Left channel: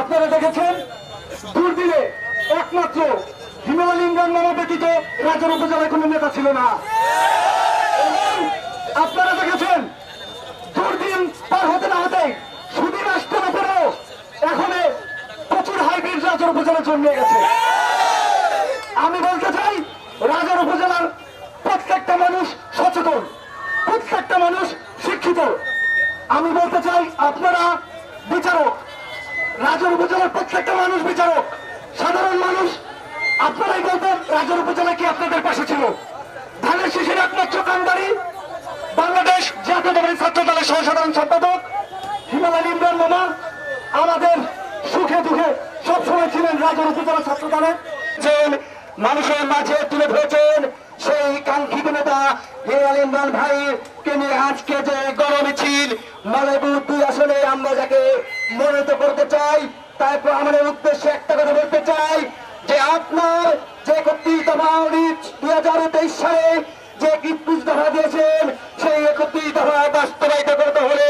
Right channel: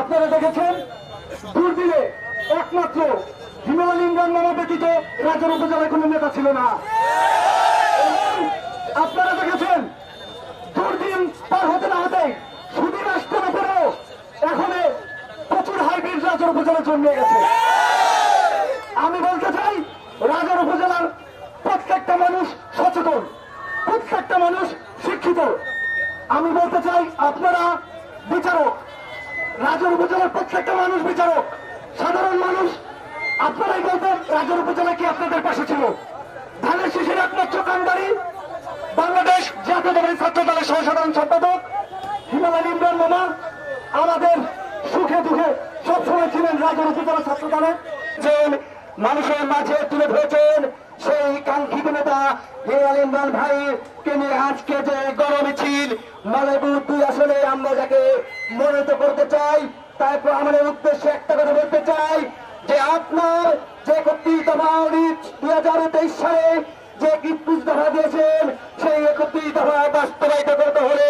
আপনারা দেখেছেন দুর্দিনে একমাত্র হিমেল ইমরান মামা ব্যতীত রাজার উপজেলায় কোনো নেতা ছিল না। আপনারা দেখেছেন দুর্দিন পার হতে না হতে সুদিন আসতে না পেরেও এখন প্রচুর হাইব্রিড রাজার উপজেলায় জন্মে গেছে। আমি বলতে চাই রাজার উপজেলার প্রত্যেকটা মানুষ সচেতন, প্রত্যেকটা মানুষ শিক্ষিত। আমি বলতে চাই আপনারা বিচারক, রাজার উপজেলার প্রত্যেকটা মানুষ বিচারক, সাধারণ মানুষ আপনারাই বলতেন রাজার উপজেলা কি আপনাদের পাশে ছিল। ধানের শীষের একমাত্র কান্ডারি বাংলাদেশ জাতীয়তাবাদী ছাত্র দলের সহসাধারণ সম্পাদক হিমেল ইমরান মামা আমাদের সুখে দুঃখে সবসময় ছিলেন রাজার উপজেলা ছাত্র দলের। মানুষের মাঝে তুলে ধরেছেন সেই কাঙ্ক্ষিত নেতা হিমেল ইমরান ভাইকে নিয়ে আজকে যে গণ মিছিল মালেবুর 2 আসনে আমরা যাকে মনোনীত করতে চাই, তারপর আমাদের উদ্দেশ্যে একটা কথা বলতে চাই যে আপনার যে 31 দফা 2023 সালে যে 31 দফা দিয়েছেন সেই 31 দফা বাস্তবায়িত করতে হলে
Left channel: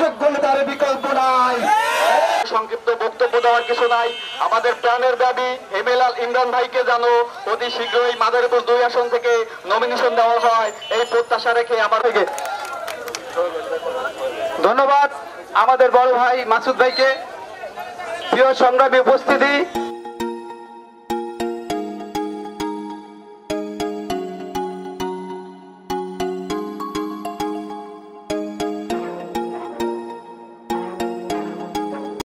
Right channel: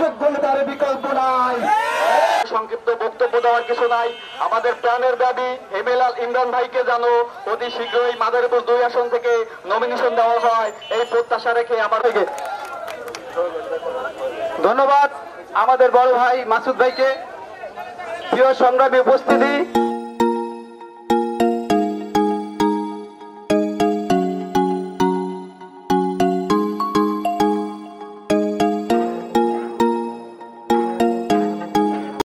যোগ্য নেতার বিকল্প নাই। সংক্ষিপ্ত বক্তব্য দেওয়ার কিছু নাই। আমাদের প্রাণের দাবি হিমেল ইমরান ভাইকে যেন অতি শীঘ্রই মাদারীপুর 2 আসন থেকে নমিনেশন দেওয়া হয়, এই প্রত্যাশা রেখে আমার থেকে ধন্যবাদ আমাদের বড় ভাই মাসুদ ভাইকে। প্রিয় সংগ্রামী উপস্থিতি,